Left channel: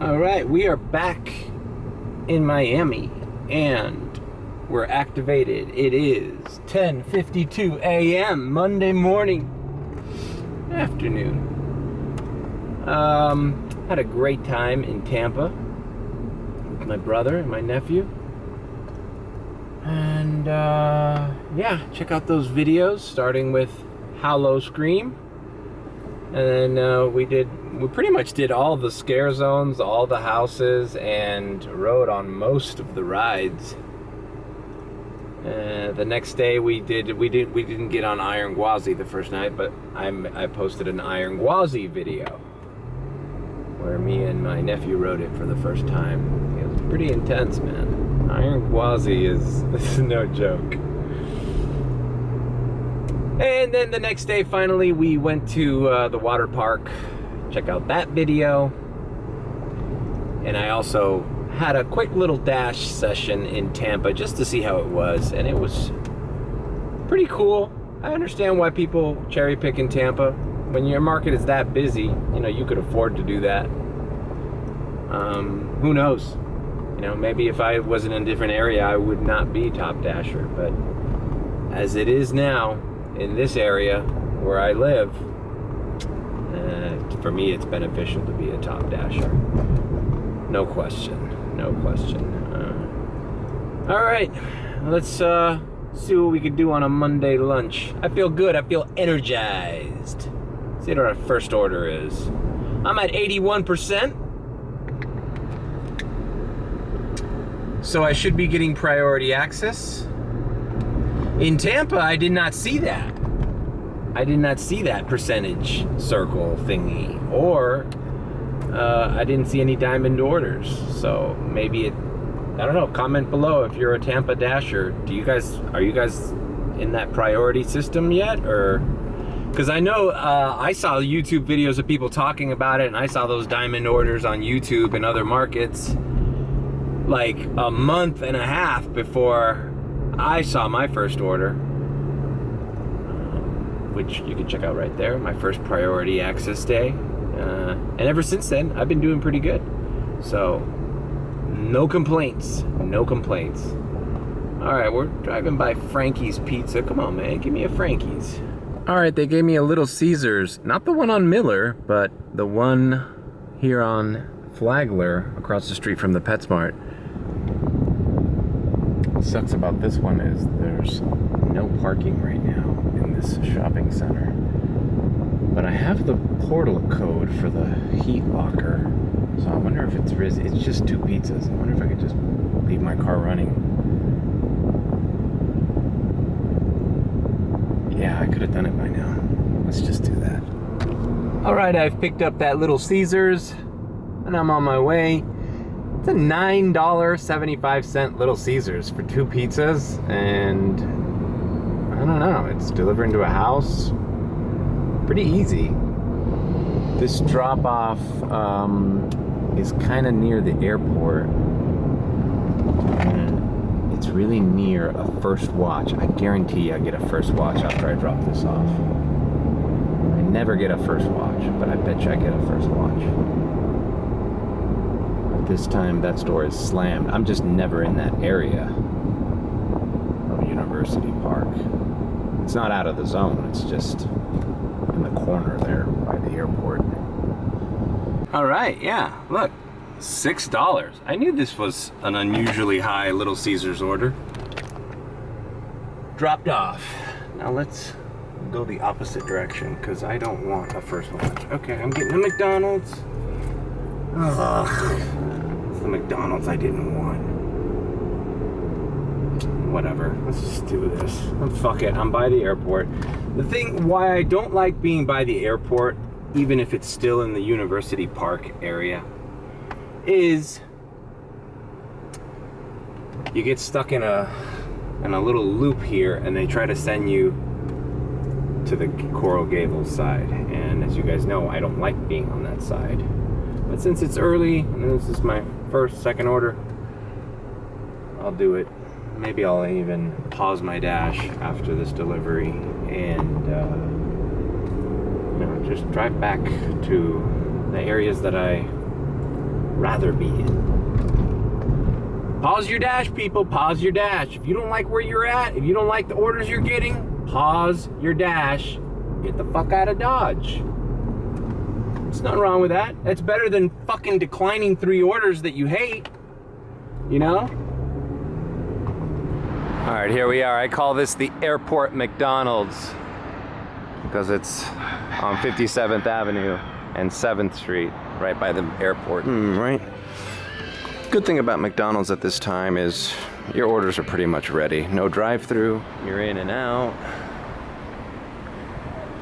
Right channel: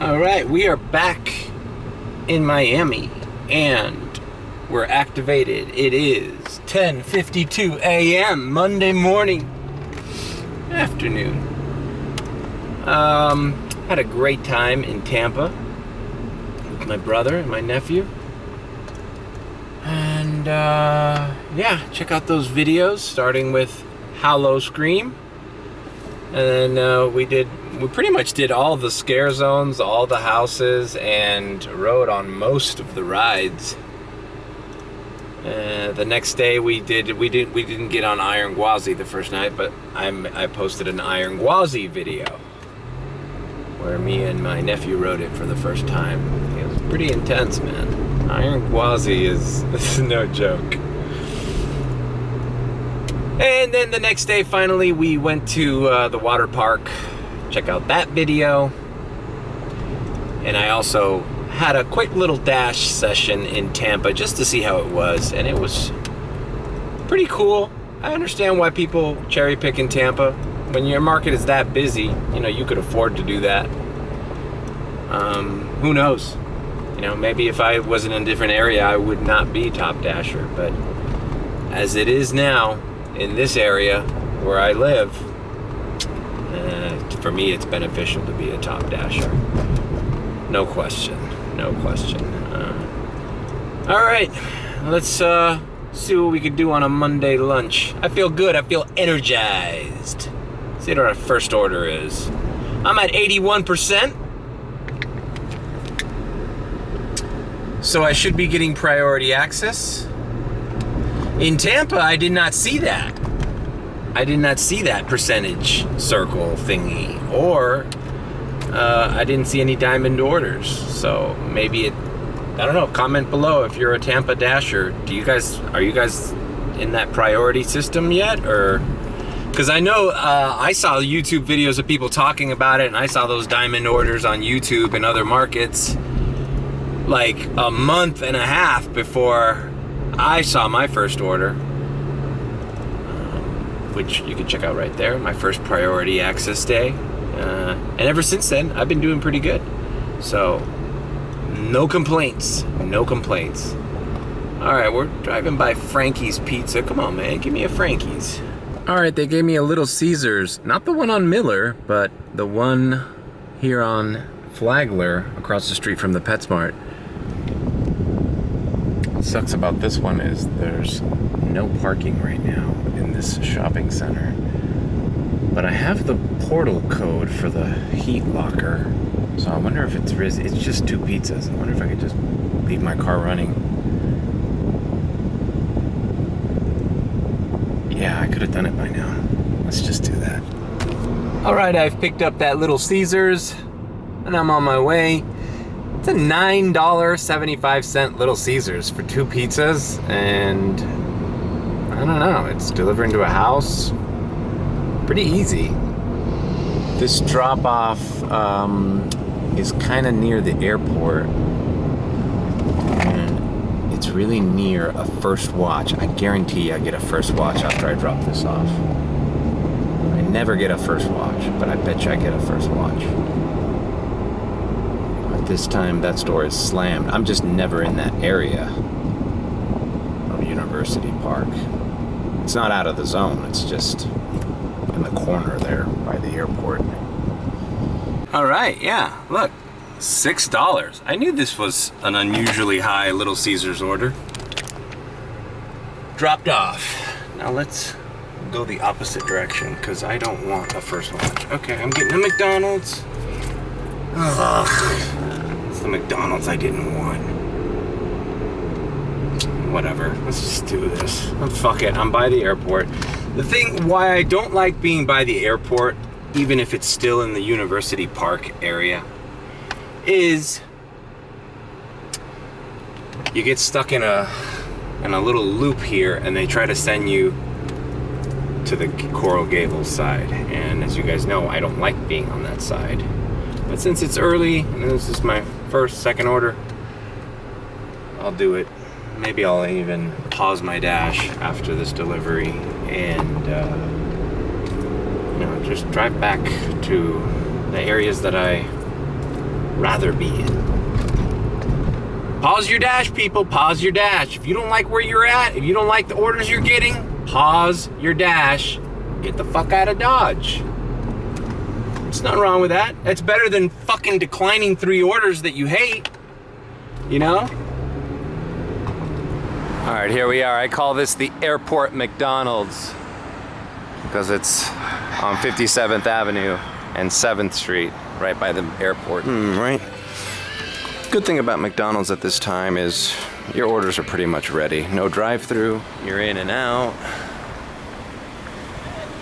All right, we are back in Miami and we're activated. It is 10:52 a.m. Monday morning, afternoon. Had a great time in Tampa with my brother and my nephew. And yeah, check out those videos starting with Hollow Scream. And then we pretty much did all the scare zones, all the houses, and rode on most of the rides. The next day we didn't get on Iron Gwazi the first night, but I posted an Iron Gwazi video where me and my nephew rode it for the first time. It was pretty intense, man. Iron Gwazi is no joke. And then the next day, finally, we went to the water park. Check out that video. And I also had a quick little dash session in Tampa just to see how it was. And it was pretty cool. I understand why people cherry pick in Tampa. When your market is that busy, you know, you could afford to do that. Who knows? You know, maybe if I was in a different area, I would not be top dasher. But as it is now, in this area where I live, for me it's beneficial to be a top dasher. No question, no question. All right, let's see what we could do on a Monday lunch. I feel good, I feel energized. See what our first order is. I'm at 81%. So I should be getting priority access. In Tampa, I did not see that. I did not see that percentage circle thingy, or I didn't see any diamond orders. So maybe it, I don't know, comment below if you're a Tampa dasher. Are you guys in that priority system yet? Or, because I know I saw YouTube videos of people talking about it, and I saw those diamond orders on YouTube and other markets like a month and a half before I saw my first order, which you can check out right there, my first priority access day. And ever since then, I've been doing pretty good. So, no complaints, no complaints. All right, we're driving by Frankie's Pizza. Come on, man, give me a Frankie's. All right, they gave me a Little Caesars, not the one on Miller, but the one here on Flagler, across the street from the PetSmart. What sucks about this one is there's no parking right now in this shopping center. But I have the portal code for the heat locker. So I wonder if it's just 2 pizzas. I wonder if I could just leave my car running. Yeah, I could have done it by now. Let's just do that. All right, I've picked up that Little Caesars and I'm on my way. It's a $9.75 Little Caesars for 2 pizzas, and I don't know, it's delivering to a house. Pretty easy. This drop-off is kind of near the airport, and it's really near a first watch. I guarantee I get a first watch after I drop this off. I never get a first watch, but I bet you I get a first watch. This time that store is slammed. I'm just never in that area of University Park. It's not out of the zone, it's just in the corner there by the airport. All right, yeah, look, $6. I knew this was an unusually high Little Caesars order. Dropped off. Now let's go the opposite direction because I don't want a first watch. Okay, I'm getting a McDonald's. Ugh. It's the McDonald's I didn't want. Whatever, let's just do this. Fuck it, I'm by the airport. The thing why I don't like being by the airport, even if it's still in the University Park area, is you get stuck in a little loop here and they try to send you to the Coral Gables side. And as you guys know, I don't like being on that side. But since it's early and this is my second order, I'll do it. Maybe I'll even pause my dash after this delivery and just drive back to the areas that I rather be in. Pause your dash, people. Pause your dash. If you don't like where you're at, if you don't like the orders you're getting, pause your dash. Get the fuck out of Dodge. There's nothing wrong with that. That's better than fucking declining 3 orders that you hate. You know? All right, here we are. I call this the airport McDonald's because it's on 57th Avenue and 7th Street, right by the airport. Right? Good thing about McDonald's at this time is your orders are pretty much ready. No drive-through, you're in and out.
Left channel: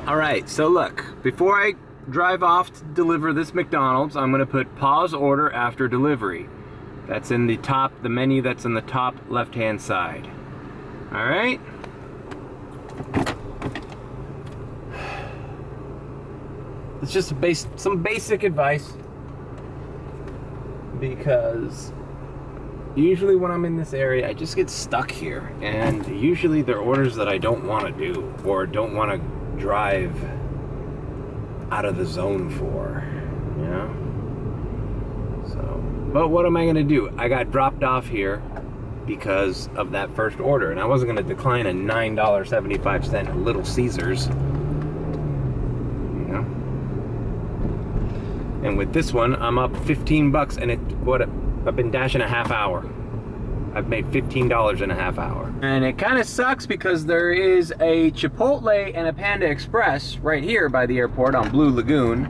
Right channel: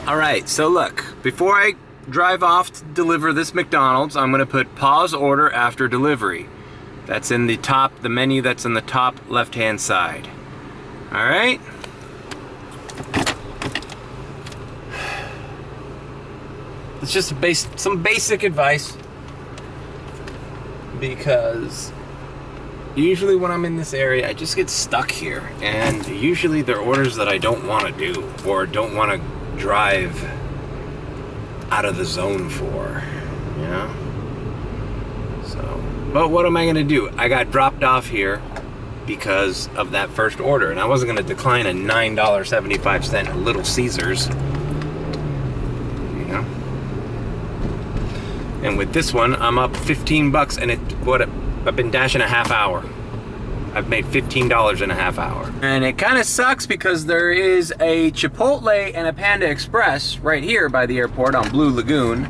All right, so look, before I drive off to deliver this McDonald's, I'm gonna put pause order after delivery. That's in the top, the menu that's in the top left-hand side. All right? It's just some basic advice, because usually when I'm in this area, I just get stuck here, and usually they're orders that I don't want to do or don't want to drive out of the zone for, you know? So, but what am I gonna do? I got dropped off here because of that first order, and I wasn't gonna decline a $9.75 Little Caesars, you know? And with this one, I'm up 15 bucks, and I've been dashing a half hour. I've made $15 in a half hour. And it kind of sucks because there is a Chipotle and a Panda Express right here by the airport on Blue Lagoon,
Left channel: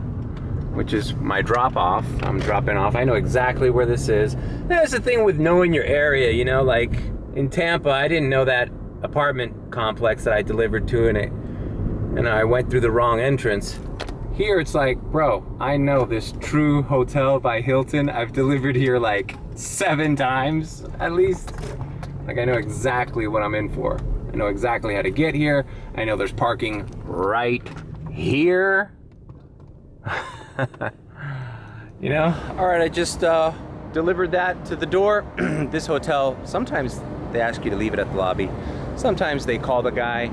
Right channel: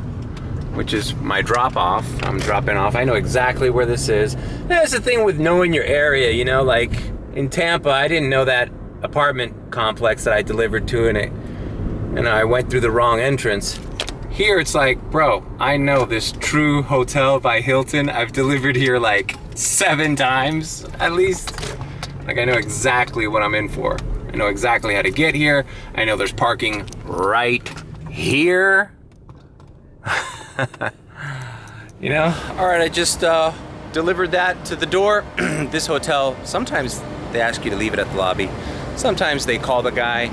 which is my drop-off. I'm dropping off. I know exactly where this is. That's the thing with knowing your area, you know, like in Tampa, I didn't know that apartment complex that I delivered to, and I went through the wrong entrance. Here it's like, bro, I know this True Hotel by Hilton. I've delivered here like 7 times at least. Like, I know exactly what I'm in for. I know exactly how to get here. I know there's parking right here. You know? All right, I just delivered that to the door. This hotel, sometimes they ask you to leave it at the lobby. Sometimes they call the guy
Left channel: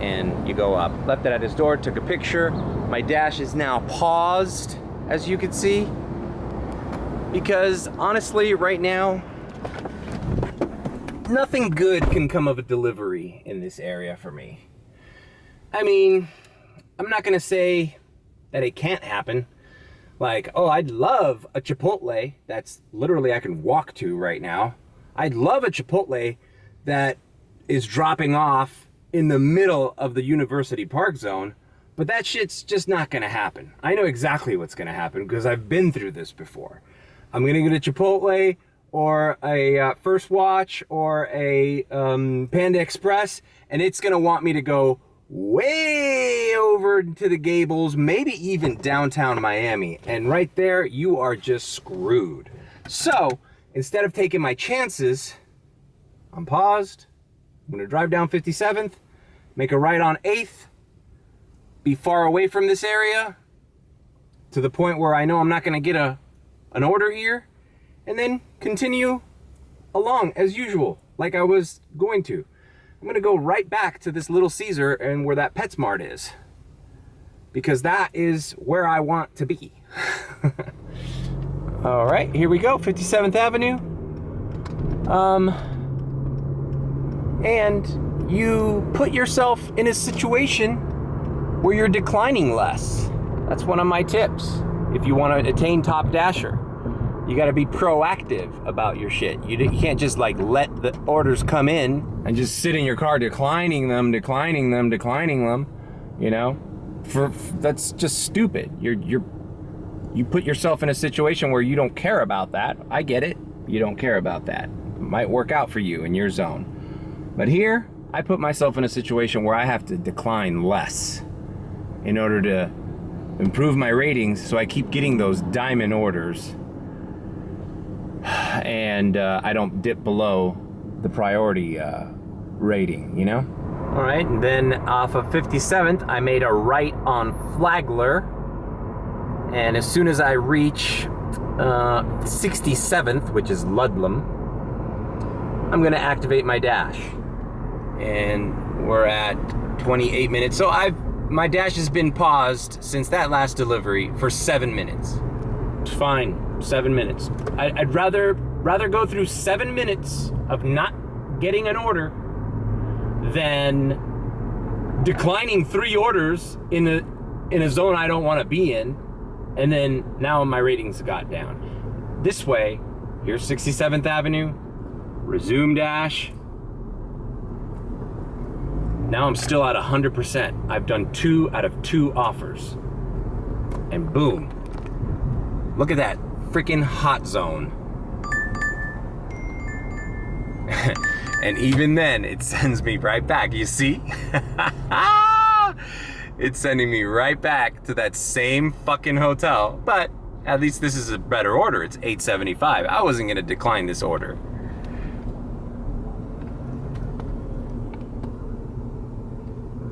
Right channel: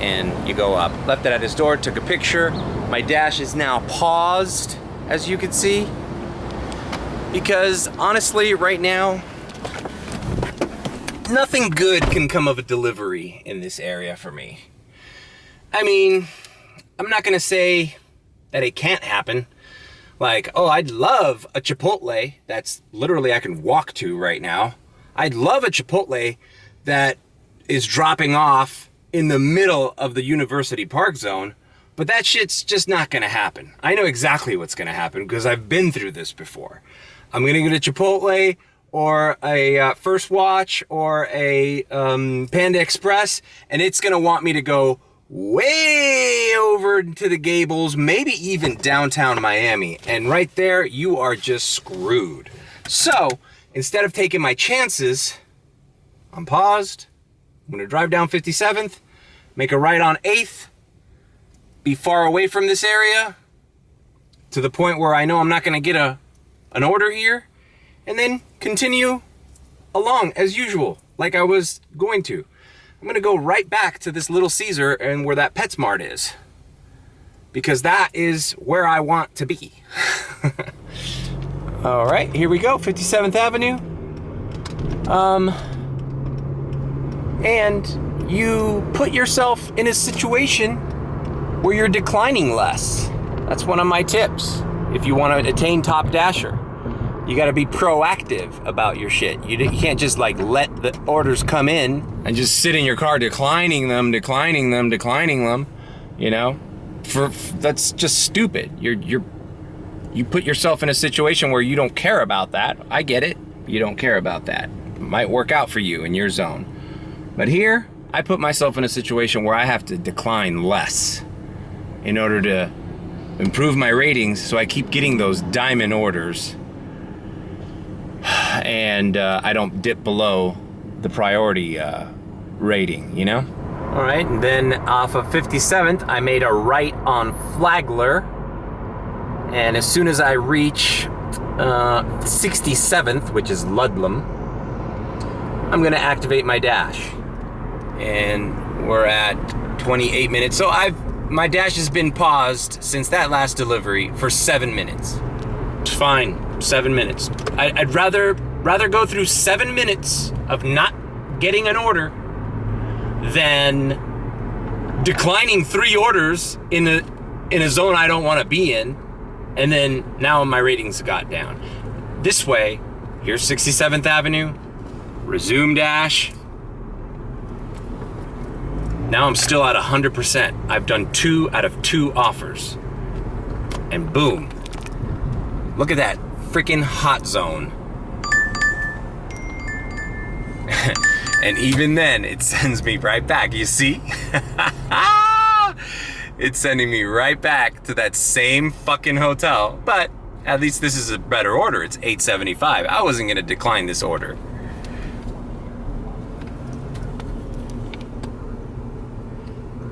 and you go up. Left it at his door, took a picture. My dash is now paused, as you can see, because honestly, right now, nothing good can come of a delivery in this area for me. I mean, I'm not gonna say that it can't happen. Like, oh, I'd love a Chipotle that's literally I can walk to right now. I'd love a Chipotle that is dropping off in the middle of the University Park Zone, but that shit's just not gonna happen. I know exactly what's gonna happen because I've been through this before. I'm gonna get a Chipotle or a First Watch or a Panda Express, and it's gonna want me to go way over to the Gables, maybe even downtown Miami. And right there, you are just screwed. So instead of taking my chances, I'm paused. I'm gonna drive down 57th, make a right on 8th, be far away from this area to the point where I know I'm not gonna get an order here, and then continue along as usual, like I was going to. I'm gonna go right back to this Little Caesar and where that PetSmart is, because that is where I want to be. All right, here we go, 57th Avenue. And you put yourself in a situation where you're declining less. That's one of my tips. If you want to attain top dasher, you got to be proactive about your shit. You can't just like let the orders come in and just sit in your car declining them, you know? That's just stupid. You put yourself in a situation where you don't care about that. I get it. You don't care about that. It might work out for you in your zone. But here, I put myself in a situation where I have to decline less in order to improve my ratings, so I keep getting those diamond orders and I don't dip below the priority rating, you know? All right, and then off of 57th, I made a right on Flagler, and as soon as I reach 67th, which is Ludlam, I'm gonna activate my dash. And we're at 28 minutes. So my dash has been paused since that last delivery for 7 minutes. It's fine. 7 minutes. I'd rather go through 7 minutes of not getting an order than declining 3 orders in a zone I don't want to be in, and then now my ratings got down. This way, here's 67th Avenue, resume dash. Now I'm still at 100%. I've done 2 out of 2 offers. And boom. Look at that freaking hot zone. And even then, it sends me right back. You see? It's sending me right back to that same fucking hotel. But at least this is a better order. It's $875. I wasn't gonna decline this order.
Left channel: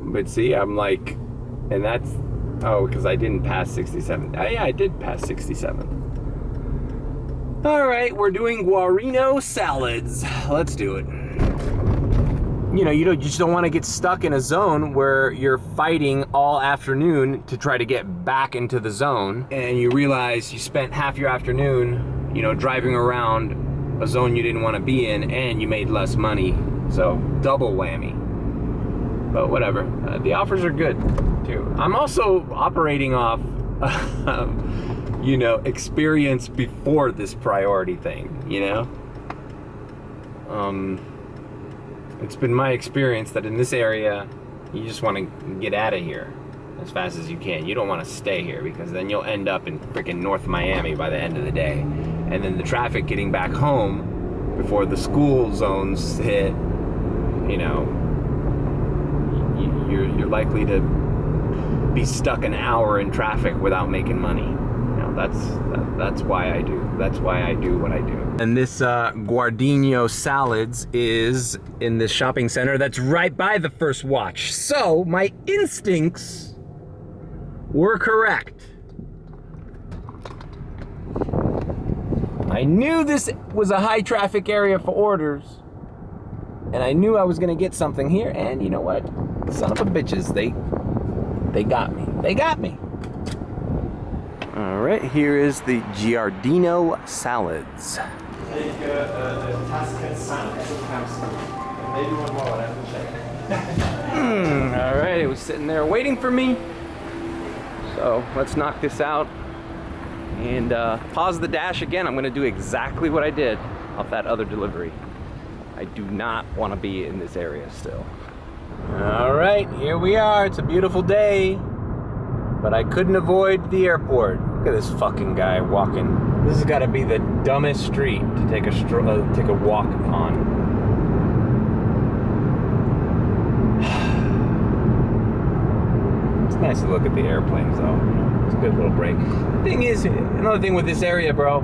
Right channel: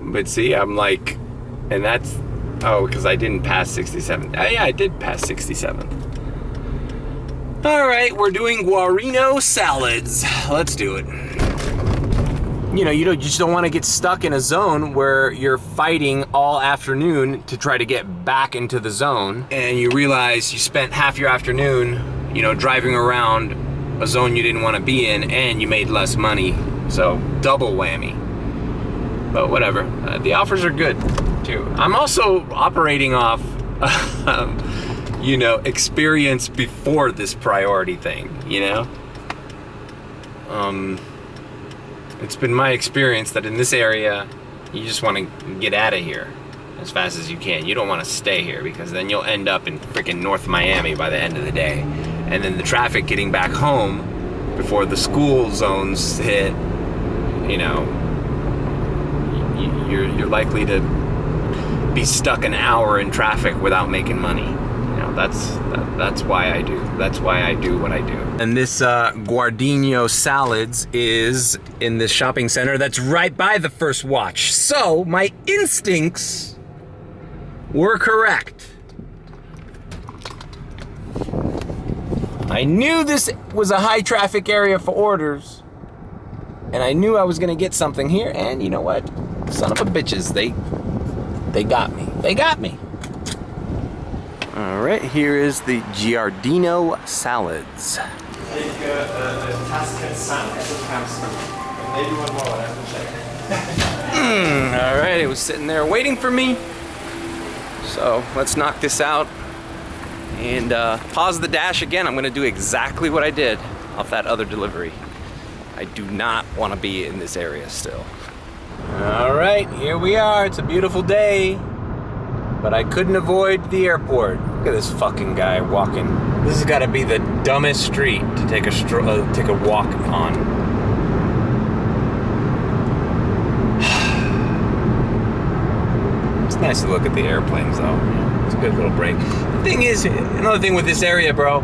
But see, I'm like, and that's, oh, because I didn't pass 67th. Oh, yeah, I did pass 67th. All right, we're doing guarino salads. Let's do it. You just don't want to get stuck in a zone where you're fighting all afternoon to try to get back into the zone, and you realize you spent half your afternoon, driving around a zone you didn't want to be in, and you made less money. So double whammy. But whatever, the offers are good too. I'm also operating off, experience before this priority thing, It's been my experience that in this area, you just want to get out of here as fast as you can. You don't want to stay here because then you'll end up in freaking North Miami by the end of the day. And then the traffic getting back home before the school zones hit, you're likely to be stuck an hour in traffic without making money. That's why I do. That's why I do what I do. And this Guardino Salads is in this shopping center that's right by the First Watch. So my instincts were correct. I knew this was a high traffic area for orders, and I knew I was gonna get something here, and you know what? Son of a bitches, they got me. They got me. All right, here is the Giardino Salads. Take a Tuscan sandwich. Maybe one more, I have to check. All right, it was sitting there waiting for me. So let's knock this out and pause the dash again. I'm gonna do exactly what I did off that other delivery. I do not wanna be in this area still. All right, here we are. It's a beautiful day, but I couldn't avoid the airport. Look at this fucking guy walking. This has got to be the dumbest street to take a walk on. It's nice to look at the airplanes, though. It's a good little break. The thing is, another thing with this area, bro.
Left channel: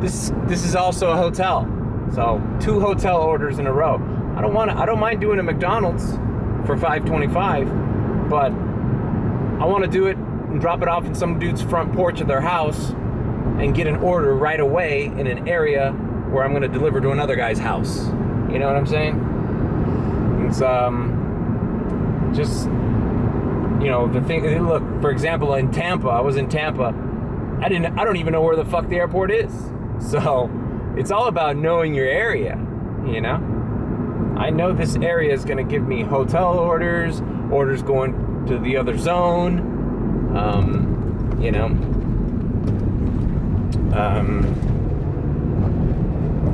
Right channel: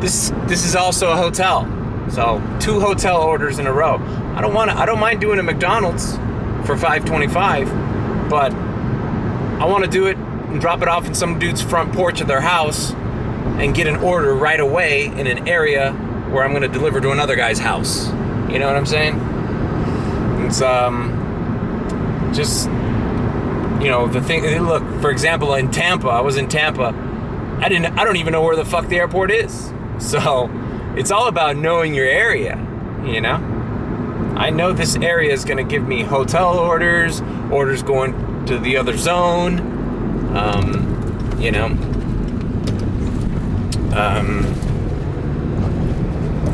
This is also a hotel, so 2 hotel orders in a row. I don't mind doing a McDonald's for $5.25, but I want to do it and drop it off in some dude's front porch of their house and get an order right away in an area where I'm going to deliver to another guy's house. You know what I'm saying? It's just, the thing. Look, for example, in Tampa, I was in Tampa. I don't even know where the fuck the airport is. So it's all about knowing your area. I know this area is going to give me hotel orders going to the other zone.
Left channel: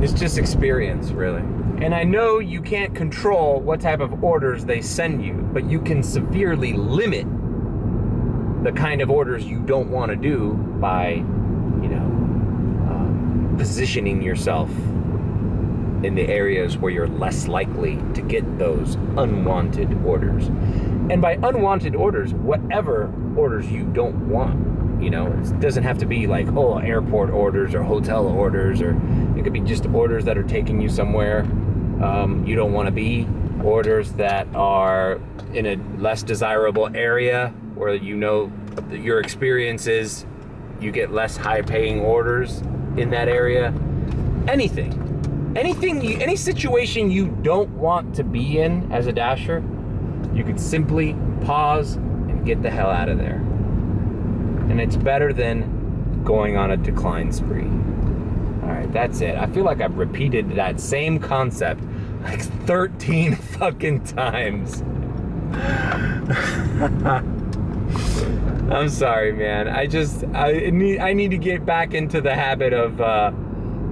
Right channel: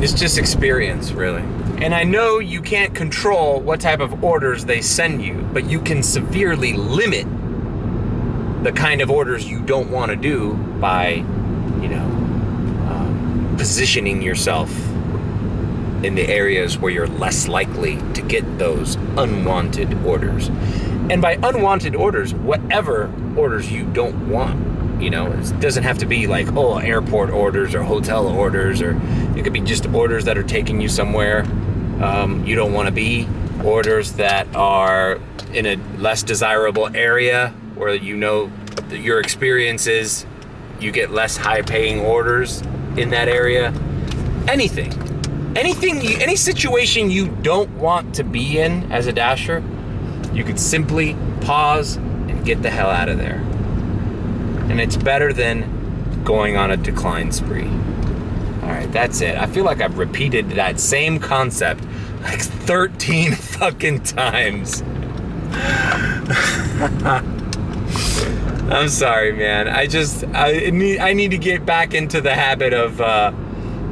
It's just experience, really. And I know you can't control what type of orders they send you, but you can severely limit the kind of orders you don't want to do by, positioning yourself in the areas where you're less likely to get those unwanted orders. And by unwanted orders, whatever orders you don't want. It doesn't have to be like, airport orders or hotel orders, or it could be just orders that are taking you somewhere you don't want to be, orders that are in a less desirable area where your experience is you get less high-paying orders in that area. Any situation you don't want to be in as a dasher, you could simply pause and get the hell out of there. And it's better than going on a decline spree. All right, that's it. I feel like I've repeated that same concept like 13 fucking times. I'm sorry, man. I need to get back into the habit of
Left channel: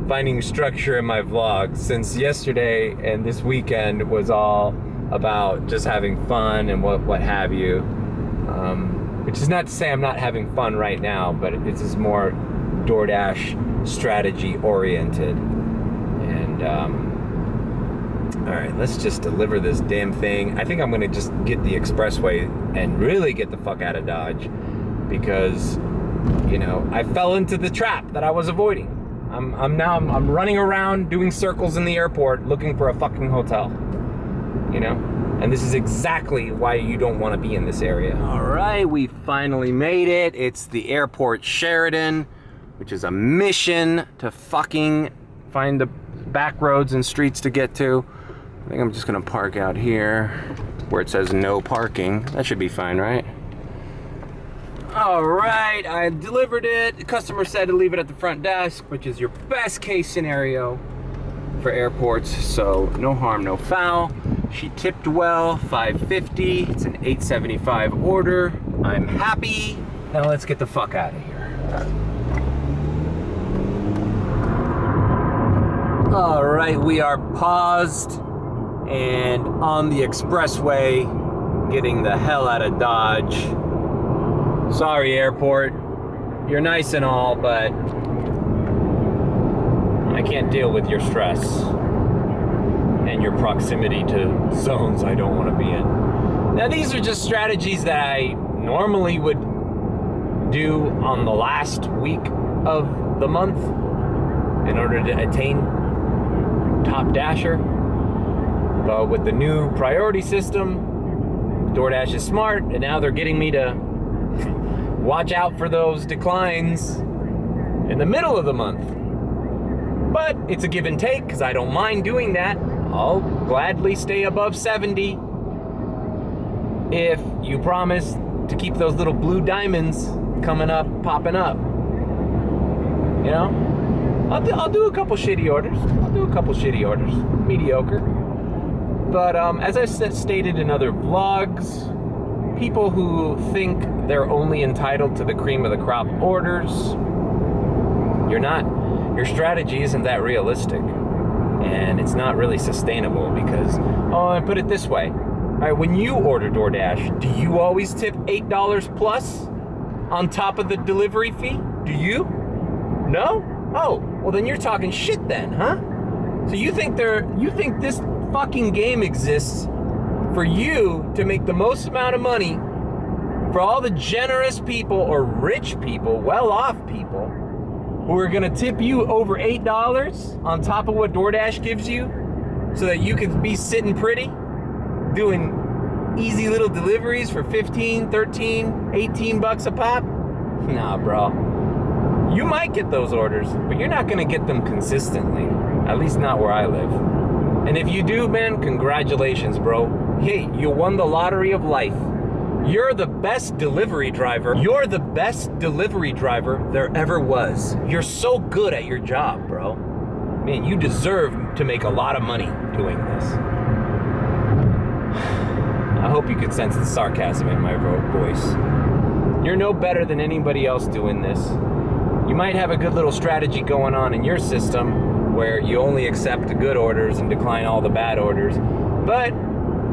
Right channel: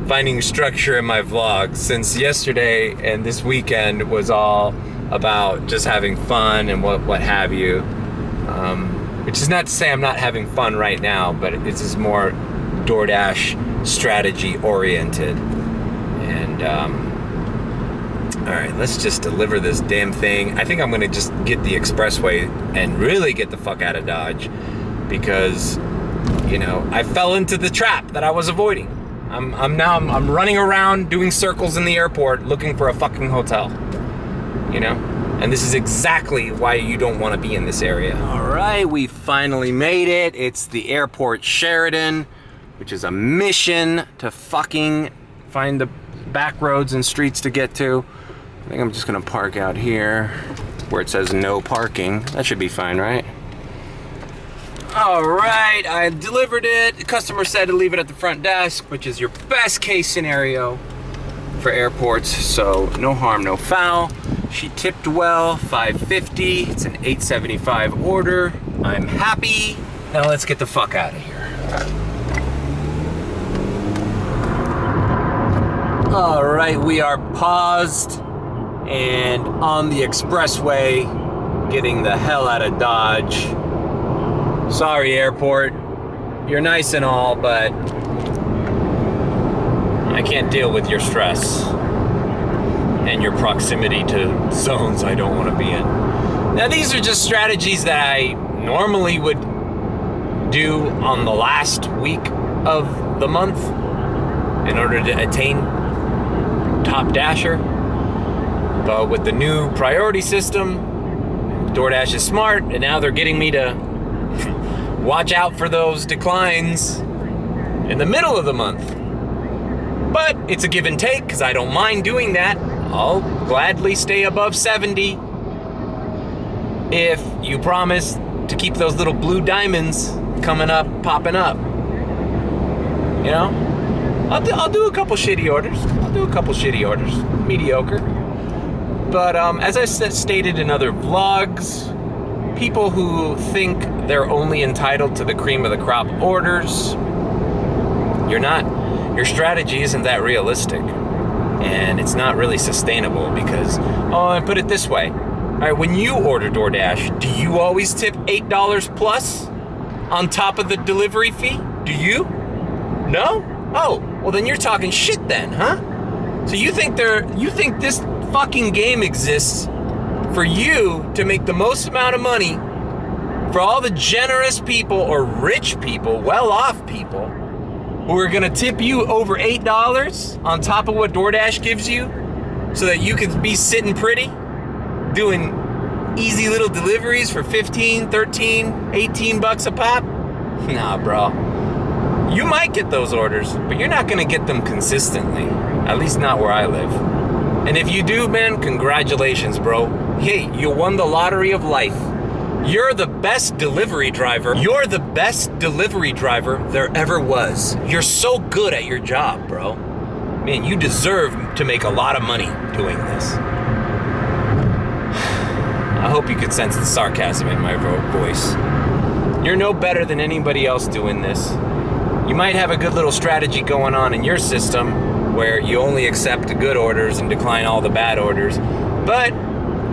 finding structure in my vlogs, since yesterday and this weekend was all about just having fun and what have you. Which is not to say I'm not having fun right now, but it's just more DoorDash strategy oriented. And all right, let's just deliver this damn thing. I think I'm gonna just get the expressway and really get the fuck out of Dodge, because, you know, I fell into the trap that I was avoiding. I'm running around doing circles in the airport looking for a fucking hotel, you know? And this is exactly why you don't want to be in this area. All right, we finally made it. It's the airport Sheridan, which is a mission to fucking find the back roads and streets to get to. I think I'm just gonna park out here where it says no parking. That should be fine, right? All right, I delivered it. The customer said to leave it at the front desk, which is your best case scenario for airports, so no harm, no foul. She tipped well, $5.50. It's an $8.75 order. I'm happy. Now let's get the fuck out of here. All right, we are paused and on the expressway, getting the hell out of Dodge. Sorry, airport. You're nice and all, but I can't deal with your stress and your proximity to zones I don't want to be in. Now, these are just strategies that I normally would do on the last week of the month in order to attain top dasher. But with the new priority system, DoorDash is smart, and now they're getting me to watch out for those declines in the middle of the month. But it's a give and take, because I don't mind doing that. I'll gladly stay above 70 if you promise to keep those little blue diamonds coming up, popping up. You know? I'll do a couple shitty orders. Mediocre. But as I stated in other vlogs, people who think they're only entitled to the cream of the crop orders, you're not. Your strategy isn't that realistic, and it's not really sustainable, because, I put it this way. All right, when you order DoorDash, do you always tip $8 plus on top of the delivery fee? Do you? No? Oh, well then you're talking shit then, huh? So you think this fucking game exists for you to make the most amount of money for all the generous people or rich people, well-off people, who are gonna tip you over $8 on top of what DoorDash gives you, so that you can be sitting pretty, doing easy little deliveries for 15, 13, 18 bucks a pop? Nah, bro. You might get those orders, but you're not gonna get them consistently. At least not where I live. And if you do, man, congratulations, bro. Hey, you won the lottery of life. You're the best delivery driver. You're the best delivery driver there ever was. You're so good at your job, bro. Man, you deserve to make a lot of money doing this. I hope you could sense the sarcasm in my voice. You're no better than anybody else doing this. You might have a good little strategy going on in your system where you only accept the good orders and decline all the bad orders. But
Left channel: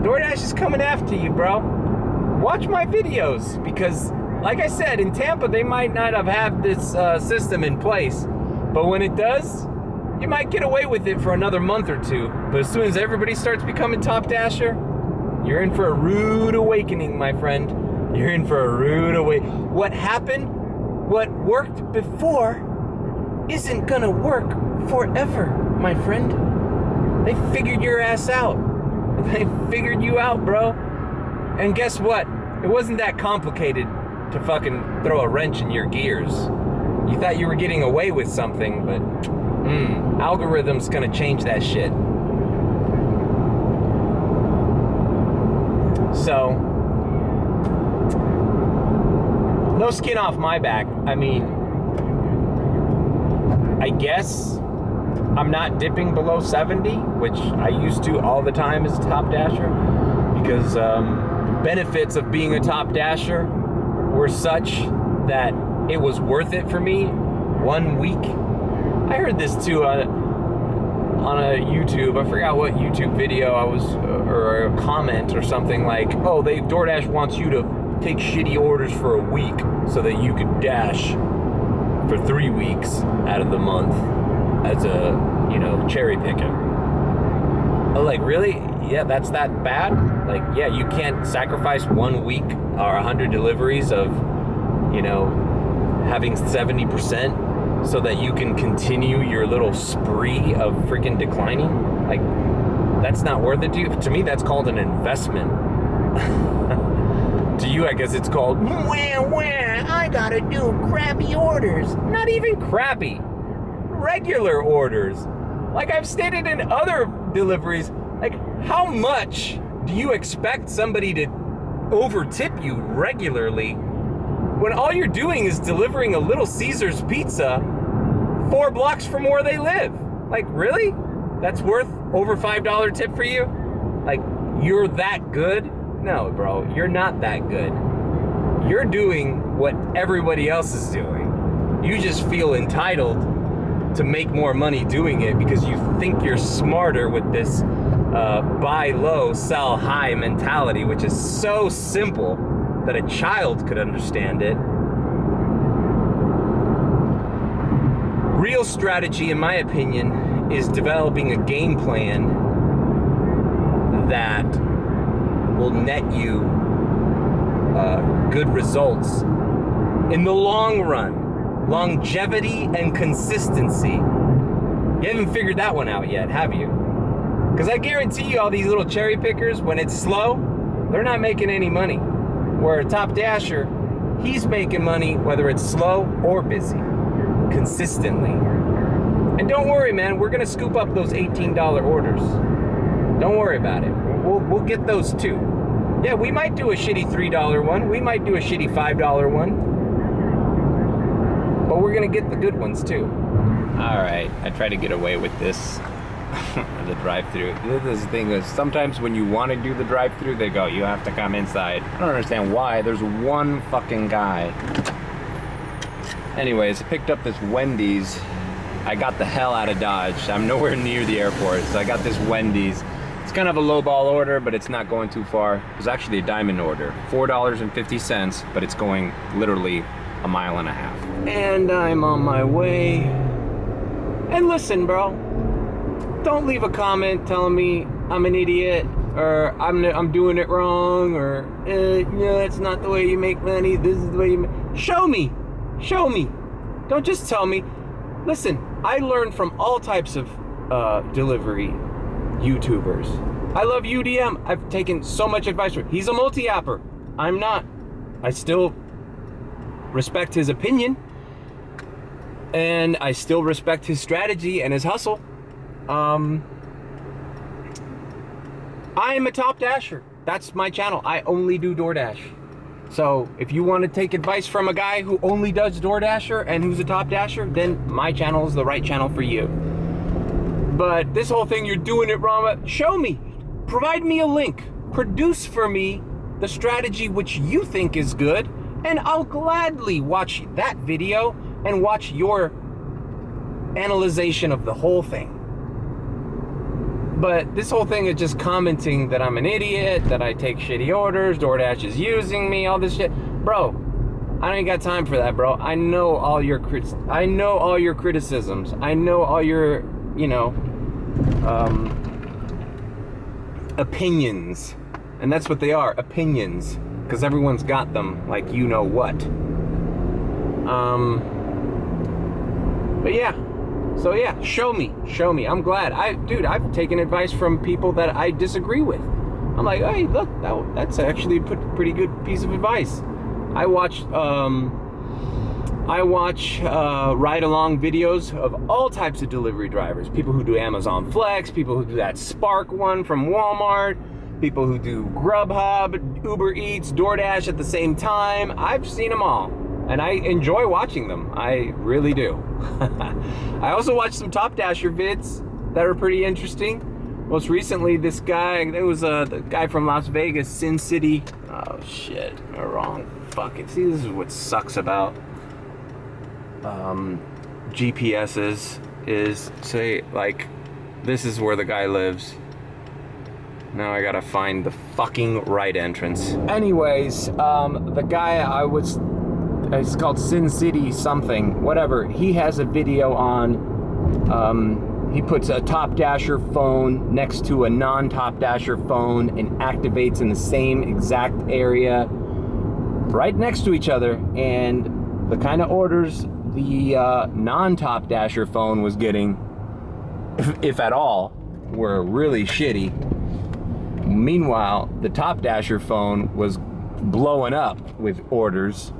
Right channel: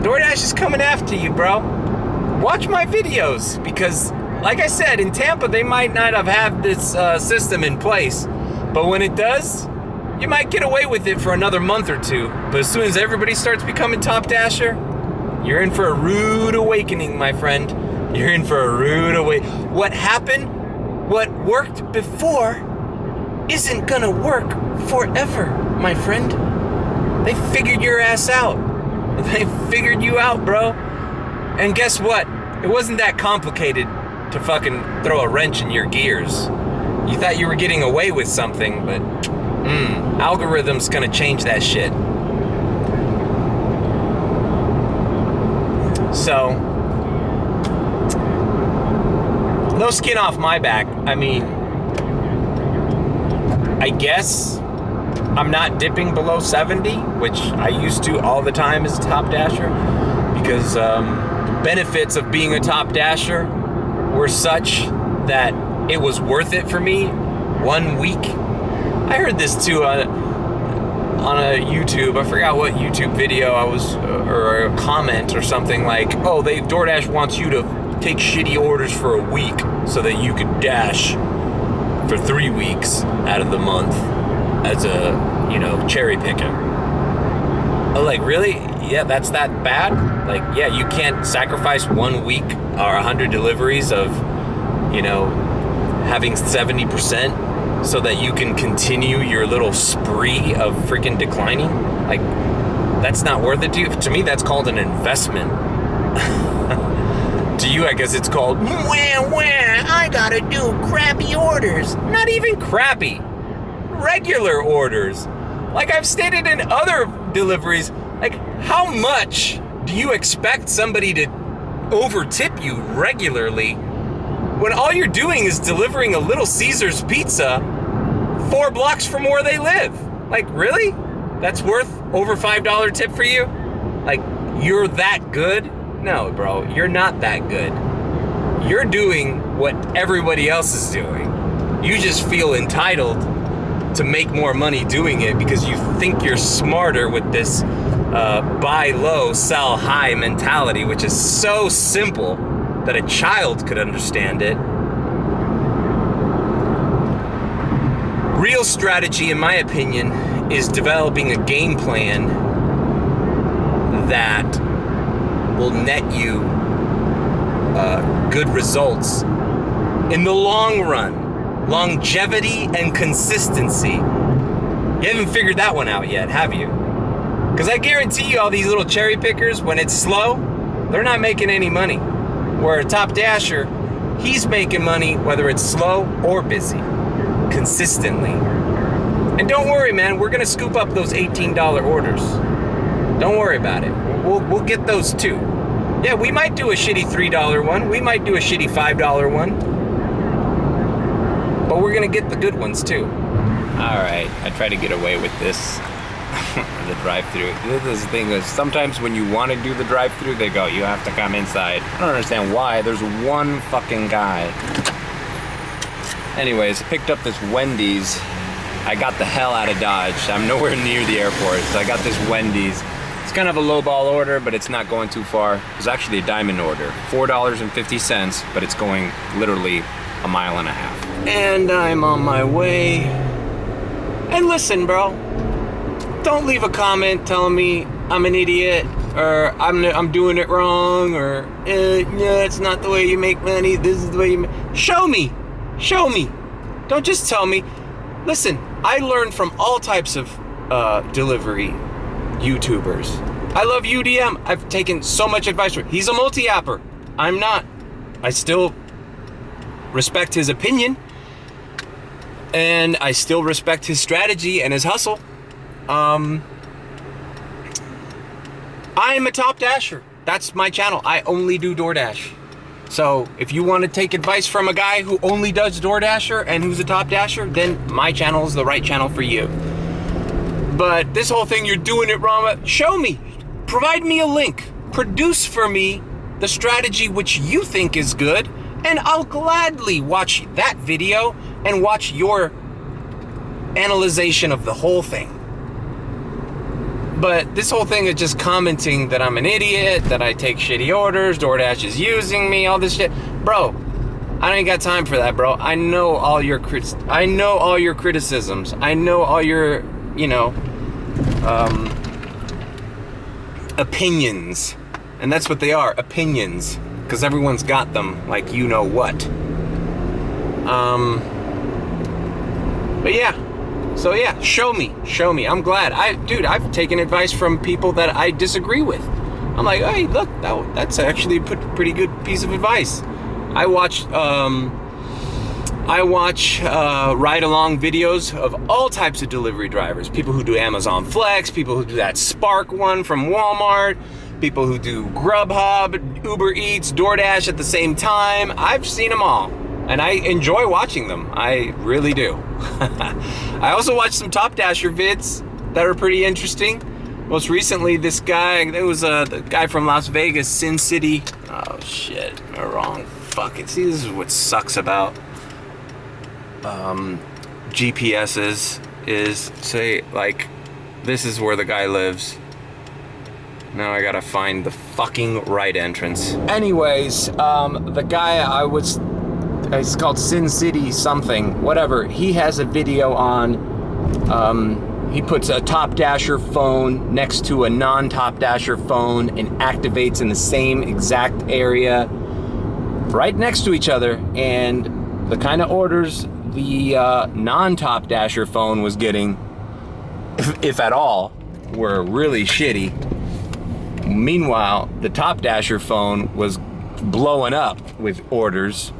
DoorDash is coming after you, bro. Watch my videos, because like I said, in Tampa, they might not have had this system in place. But when it does, you might get away with it for another month or two. But as soon as everybody starts becoming top dasher, you're in for a rude awakening, my friend. You're in for a rude awakening. What happened, what worked before, isn't gonna work forever, my friend. They figured your ass out. They figured you out, bro. And guess what? It wasn't that complicated to fucking throw a wrench in your gears. You thought you were getting away with something, but algorithm's gonna change that shit. So, no skin off my back. I mean, I guess I'm not dipping below 70, which I used to all the time as a top dasher, because the benefits of being a top dasher were such that it was worth it for me 1 week. I heard this too on a YouTube. I forgot what YouTube video I was, or a comment or something like, oh, DoorDash wants you to take shitty orders for a week so that you could dash for 3 weeks out of the month as a, cherry picker. Oh, like, really? Yeah, that's that bad? Like, yeah, you can't sacrifice 1 week or 100 deliveries of, having 70% so that you can continue your little spree of freaking declining? Like, that's not worth it to you? To me, that's called an investment. To you, I guess it's called, I gotta do crappy orders. Not even crappy. Regular orders. Like I've stated in other deliveries, like, how much do you expect somebody to overtip you regularly when all you're doing is delivering a Little Caesars pizza 4 blocks from where they live? Like, really? That's worth over $5 tip for you? Like, you're that good? No, bro, you're not that good. You're doing what everybody else is doing. You just feel entitled to make more money doing it because you think you're smarter with this buy low, sell high mentality, which is so simple that a child could understand it. Real strategy, in my opinion, is developing a game plan that will net you good results in the long run. Longevity and consistency. You haven't figured that one out yet, have you? Because I guarantee you all these little cherry pickers, when it's slow, they're not making any money. Where a top dasher, he's making money whether it's slow or busy. Consistently. And don't worry, man, we're going to scoop up those $18 orders. Don't worry about it. We'll get those too. Yeah, we might do a shitty $3 one. We might do a shitty $5 one. But we're gonna get the good ones too. All right, I try to get away with this, the drive-through. This thing is, sometimes when you want to do the drive-through, they go, you have to come inside. I don't understand why. There's one fucking guy. Anyways, I picked up this Wendy's. I got the hell out of Dodge. I'm nowhere near the airport, so I got this Wendy's. It's kind of a low-ball order, but it's not going too far. It was actually a diamond order, $4.50, but it's going literally a mile and a half. And I'm on my way. And listen, bro, don't leave a comment telling me I'm an idiot or I'm doing it wrong or yeah, it's not the way you make money. This is the way you make. Show me. Don't just tell me. Listen, I learned from all types of delivery YouTubers. I love UDM. I've taken so much advice from him. He's a multi-apper. I'm not. I still respect his opinion, and I still respect his strategy and his hustle. I'm a top dasher. That's my channel. I only do DoorDash. So if you want to take advice from a guy who only does DoorDasher and who's a top dasher, then my channel is the right channel for you. But this whole thing, you're doing it wrong. Show me. Provide me a link. Produce for me the strategy which you think is good, and I'll gladly watch that video and watch your analyzation of the whole thing. But this whole thing is just commenting that I'm an idiot, that I take shitty orders, DoorDash is using me, all this shit. Bro, I ain't got time for that, bro. I know all your criticisms. I know all your, opinions. And that's what they are, opinions. Because everyone's got them, like you know what. But yeah. So yeah, show me. I'm glad. I've taken advice from people that I disagree with. I'm like, hey, look, that's actually a pretty good piece of advice. I watch ride-along videos of all types of delivery drivers. People who do Amazon Flex, people who do that Spark one from Walmart, people who do Grubhub, Uber Eats, DoorDash at the same time. I've seen them all. And I enjoy watching them. I really do. I also watched some Top Dasher vids that are pretty interesting. Most recently, this guy, there was the guy from Las Vegas, Sin City. Oh shit, wrong. Fuck it. See, this is what sucks about GPSs is, say, like, this is where the guy lives. Now I gotta find the fucking right entrance. Anyways, the guy it's called Sin City something, whatever. He has a video on, he puts a Top Dasher phone next to a non-Top Dasher phone and activates in the same exact area, right next to each other, and the kind of orders the non-Top Dasher phone was getting, if at all, were really shitty. Meanwhile, the Top Dasher phone was blowing up with orders,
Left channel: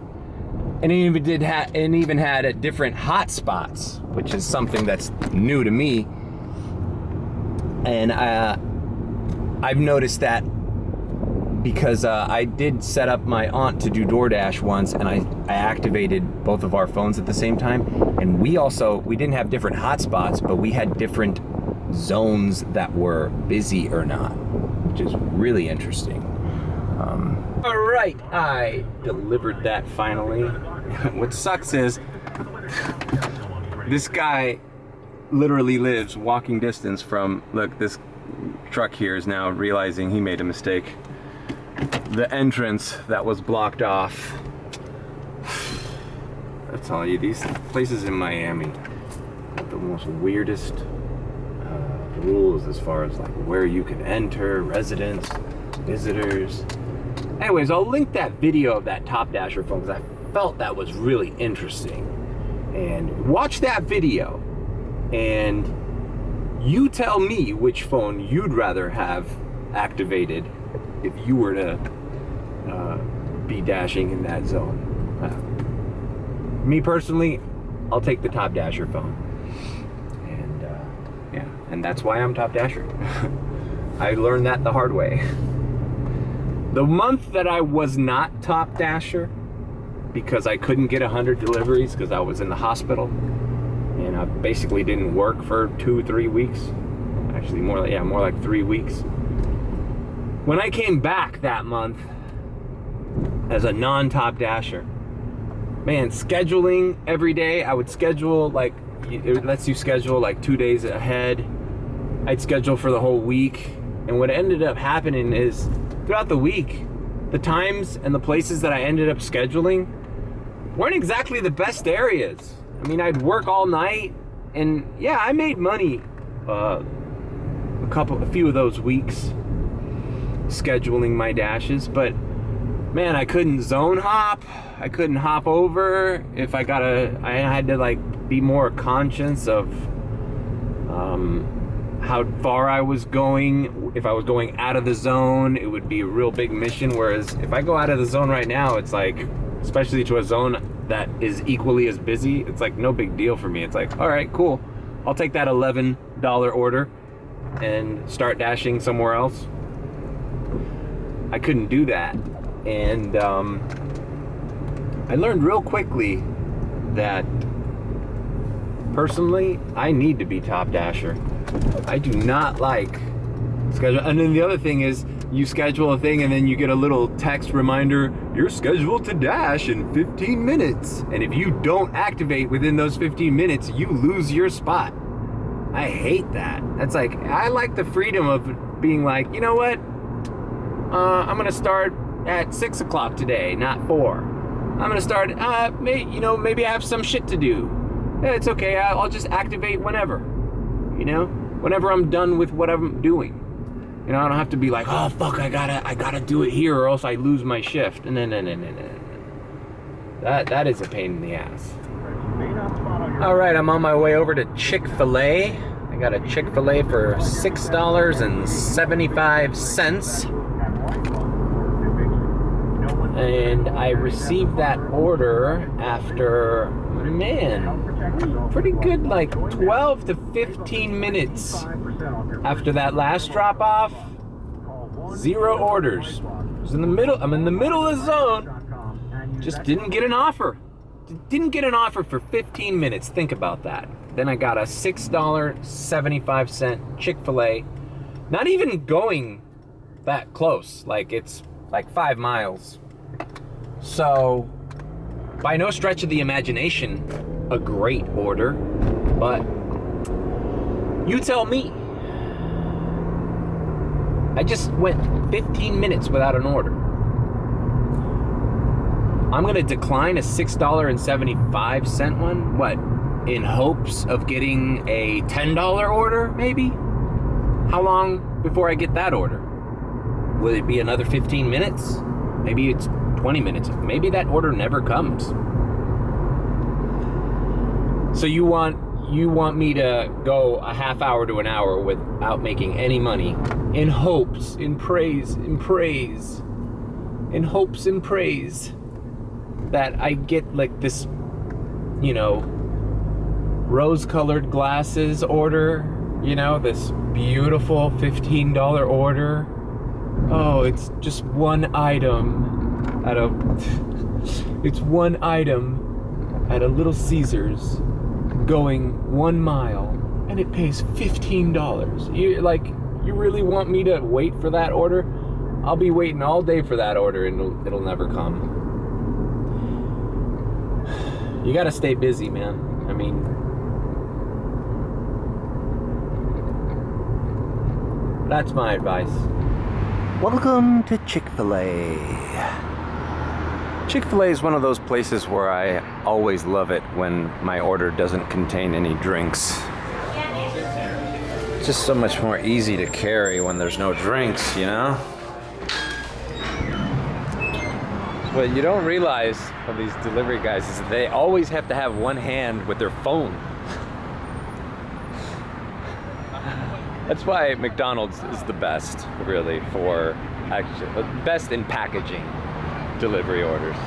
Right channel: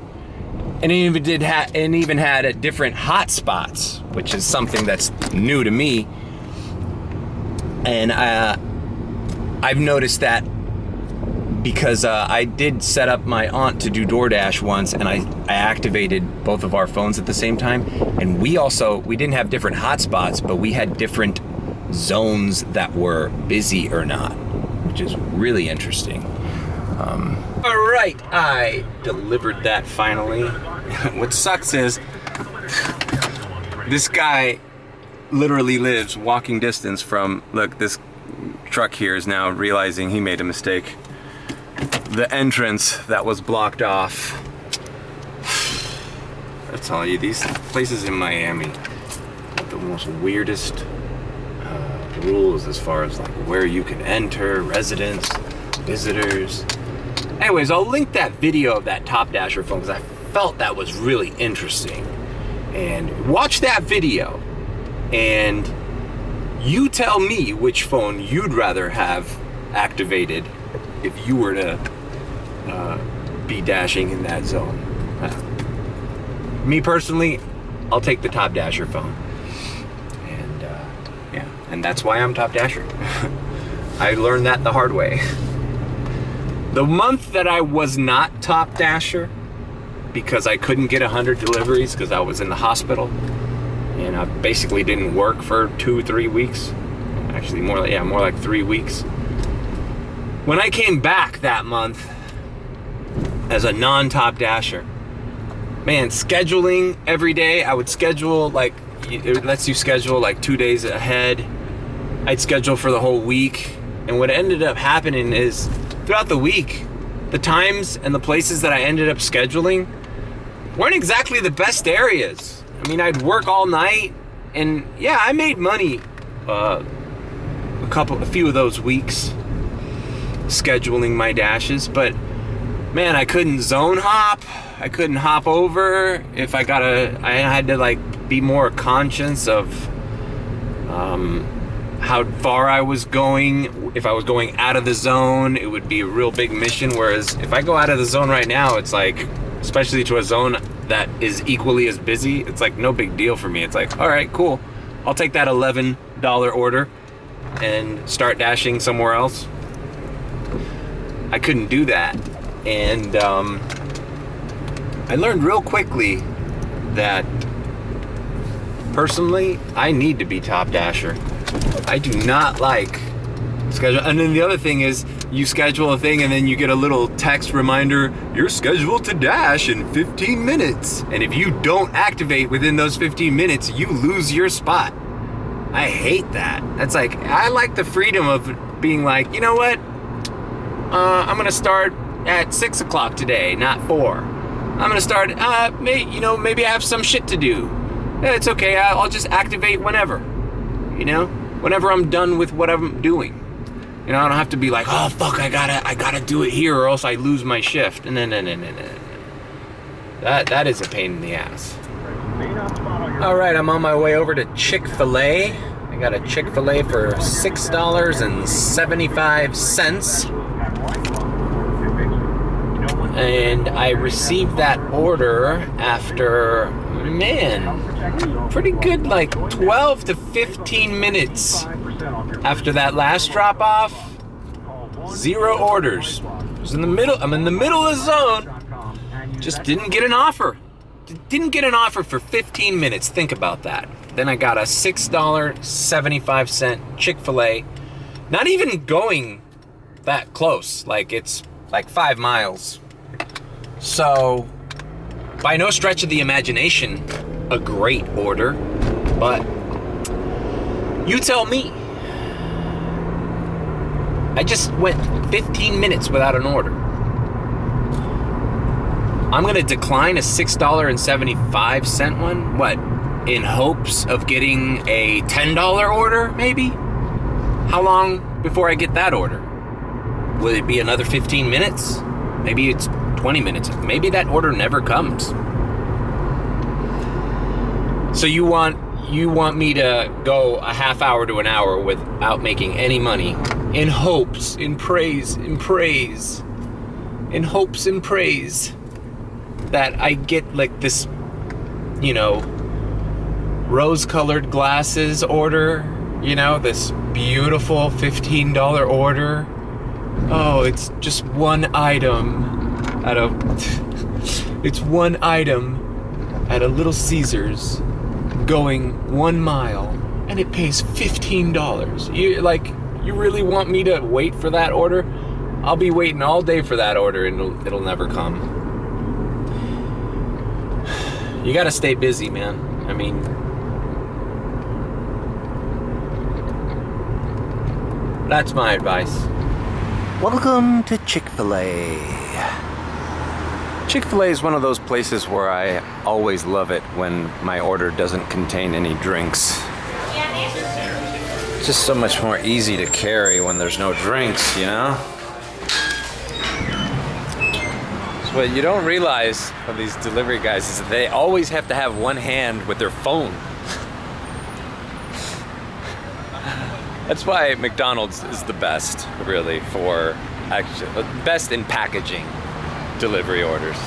and it even had different hotspots, which is something that's new to me. And I've noticed that because I did set up my aunt to do DoorDash once, and I activated both of our phones at the same time, and we didn't have different hotspots, but we had different zones that were busy or not, which is really interesting. All right, I delivered that finally. What sucks is this guy literally lives walking distance from, look, this truck here is now realizing he made a mistake. The entrance that was blocked off. I tell you, these places in Miami have the most weirdest rules as far as like where you can enter, residents, visitors. Anyways, I'll link that video of that Top Dasher phone because I felt that was really interesting. And watch that video and you tell me which phone you'd rather have activated if you were to be dashing in that zone. Me personally, I'll take the Top Dasher phone. And yeah, and that's why I'm Top Dasher. I learned that the hard way. The month that I was not Top Dasher, because I couldn't get 100 deliveries because I was in the hospital, and I basically didn't work for 2-3 weeks. Actually, more like 3 weeks. When I came back that month as a non-Top Dasher, man, scheduling every day, I would schedule like, it lets you schedule like 2 days ahead. I'd schedule for the whole week. And what ended up happening is throughout the week, the times and the places that I ended up scheduling weren't exactly the best areas. I mean, I'd work all night, and yeah, I made money a few of those weeks scheduling my dashes, but man, I couldn't zone hop. I couldn't hop over. If I had to like be more conscious of how far I was going. If I was going out of the zone, it would be a real big mission. Whereas if I go out of the zone right now, it's like, especially to a zone that is equally as busy, it's like no big deal for me. It's like, all right, cool. I'll take that $11 order and start dashing somewhere else. I couldn't do that. And I learned real quickly that personally, I need to be Top Dasher. I do not like schedule. And then the other thing is, you schedule a thing and then you get a little text reminder, you're scheduled to dash in 15 minutes. And if you don't activate within those 15 minutes, you lose your spot. I hate that. That's like, I like the freedom of being like, you know what? I'm gonna start at 6 o'clock today, not 4. I'm gonna start, maybe I have some shit to do. It's okay, I'll just activate whenever. You know, whenever I'm done with what I'm doing. You know, I don't have to be like, oh fuck, I gotta do it here or else I lose my shift. No. That is a pain in the ass. All right, I'm on my way over to Chick-fil-A. I got a Chick-fil-A for $6.75. And I received that order after, man, pretty good, like 12 to 15 minutes after that last drop off. 0 orders. I'm in the middle of the zone. Just didn't get an offer. didn't get an offer for 15 minutes. Think about that. Then I got a $6.75 Chick-fil-A. Not even going that close. Like, it's like 5 miles. So, by no stretch of the imagination, a great order. But you tell me. I just went 15 minutes without an order. I'm gonna decline a $6.75 one. What? In hopes of getting a $10 order, maybe? How long before I get that order? Will it be another 15 minutes? Maybe it's 20 minutes. Maybe that order never comes. So you want me to go a half hour to an hour without making any money, in hopes, in praise, in hopes and praise that I get like this, you know, rose-colored glasses order, you know, this beautiful $15 order. Oh, it's just one item at a Little Caesars going 1 mile, and it pays $15. You really want me to wait for that order? I'll be waiting all day for that order, and it'll never come. You gotta stay busy, man. I mean, that's my advice. Welcome to Chick-fil-A. Chick-fil-A is one of those places where I always love it when my order doesn't contain any drinks. It's just so much more easy to carry when there's no drinks, you know? So what you don't realize of these delivery guys is that they always have to have one hand with their phone. That's why McDonald's is the best, really, for actually best in packaging delivery orders.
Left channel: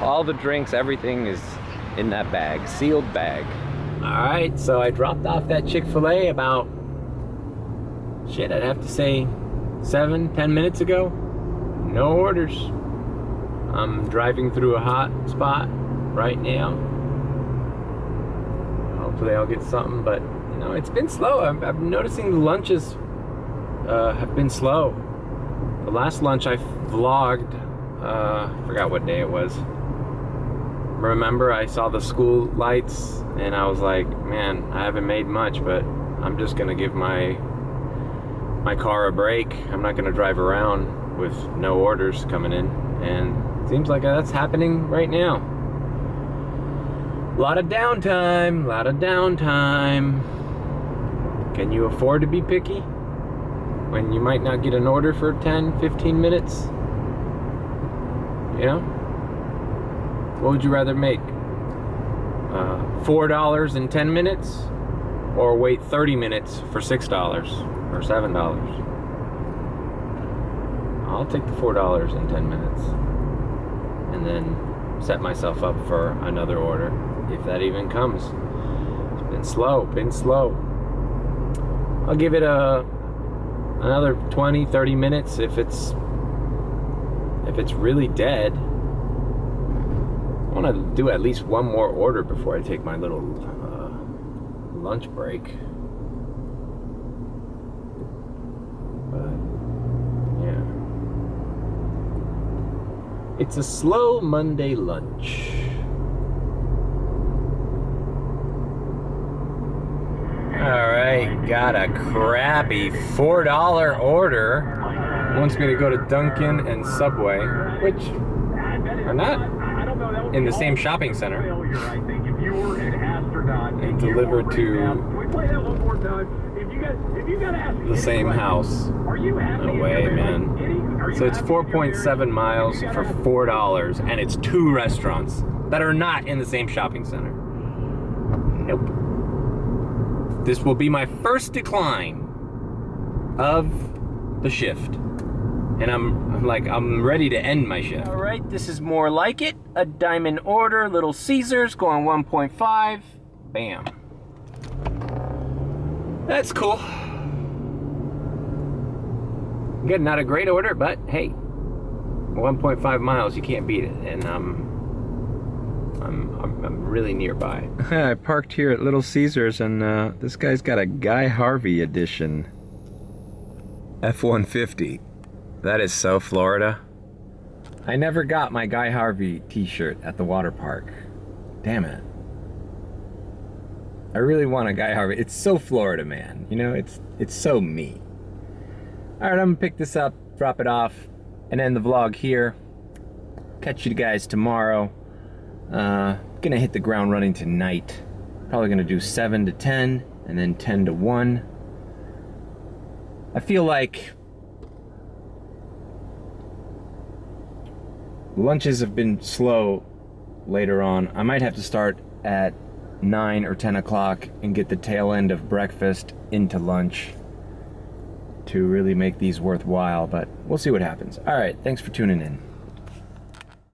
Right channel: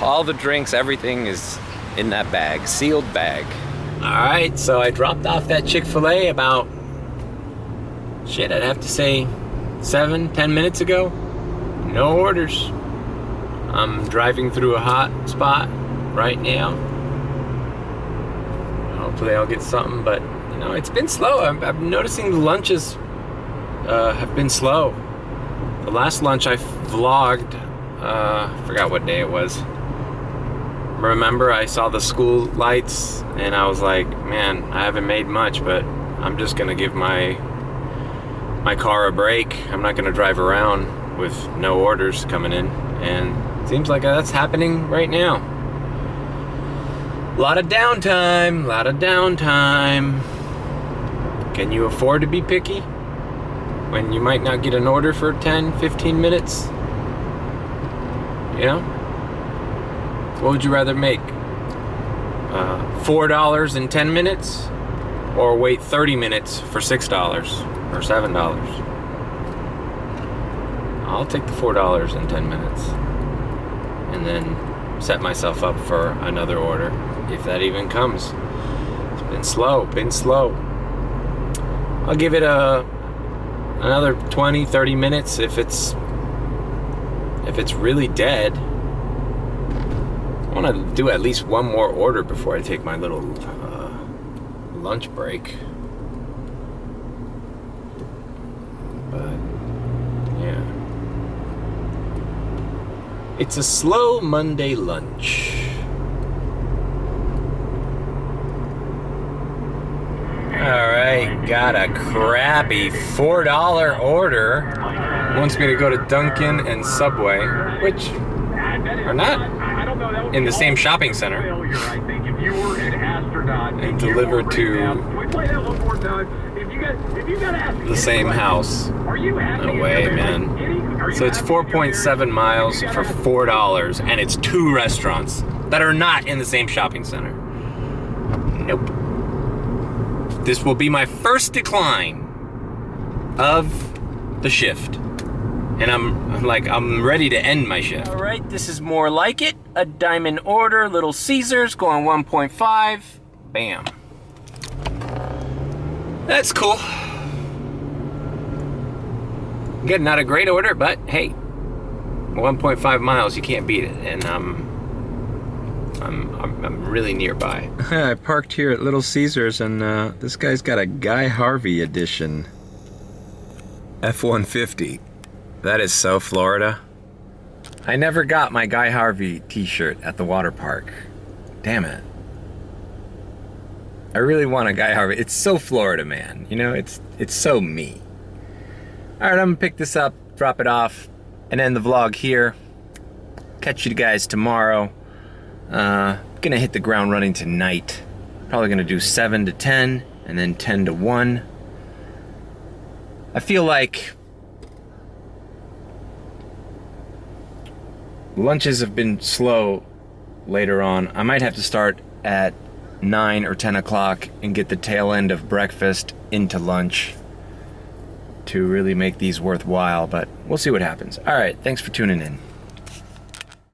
All the drinks, everything is in that bag, sealed bag. All right, so I dropped off that Chick-fil-A about, I'd have to say 7-10 minutes ago. No orders. I'm driving through a hot spot right now. Hopefully I'll get something, but you know, it's been slow. I'm noticing the lunches have been slow. The last lunch I vlogged, forgot what day it was. Remember, I saw the school lights and I was like, man, I haven't made much, but I'm just gonna give my car a break. I'm not gonna drive around with no orders coming in, and it seems like that's happening right now. A lot of downtime. Can you afford to be picky when you might not get an order for 10-15 minutes? You know? What would you rather make? $4 in 10 minutes? Or wait 30 minutes for $6 or $7? I'll take the $4 in 10 minutes. And then set myself up for another order, if that even comes. It's been slow. I'll give it another 20-30 minutes if it's really dead. I want to do at least one more order before I take my little lunch break. But yeah, it's a slow Monday lunch. Alright, got a crappy $4 order. Wants me to go to Dunkin' and Subway, which are not in the same shopping center, and deliver to the same house. No way, man. So it's 4.7 miles for $4, and it's 2 restaurants that are not in the same shopping center. Nope. This will be my first decline of the shift. And I'm ready to end my shift. All right, this is more like it. A diamond order, Little Caesars, going 1.5. Bam. That's cool. Again, not a great order, but hey, 1.5 miles, you can't beat it. And I'm I'm really nearby. I parked here at Little Caesars, and this guy's got a Guy Harvey edition F-150. That is so Florida. I never got my Guy Harvey t-shirt at the water park. Damn it. I really want a Guy Harvey. It's so Florida, man. You know, it's so me. All right, I'm gonna pick this up, drop it off, and end the vlog here. Catch you guys tomorrow. Gonna hit the ground running tonight. Probably gonna do 7 to 10 and then 10 to 1. I feel like lunches have been slow later on. I might have to start at 9 or 10 o'clock and get the tail end of breakfast into lunch to really make these worthwhile, but we'll see what happens. All right, thanks for tuning in.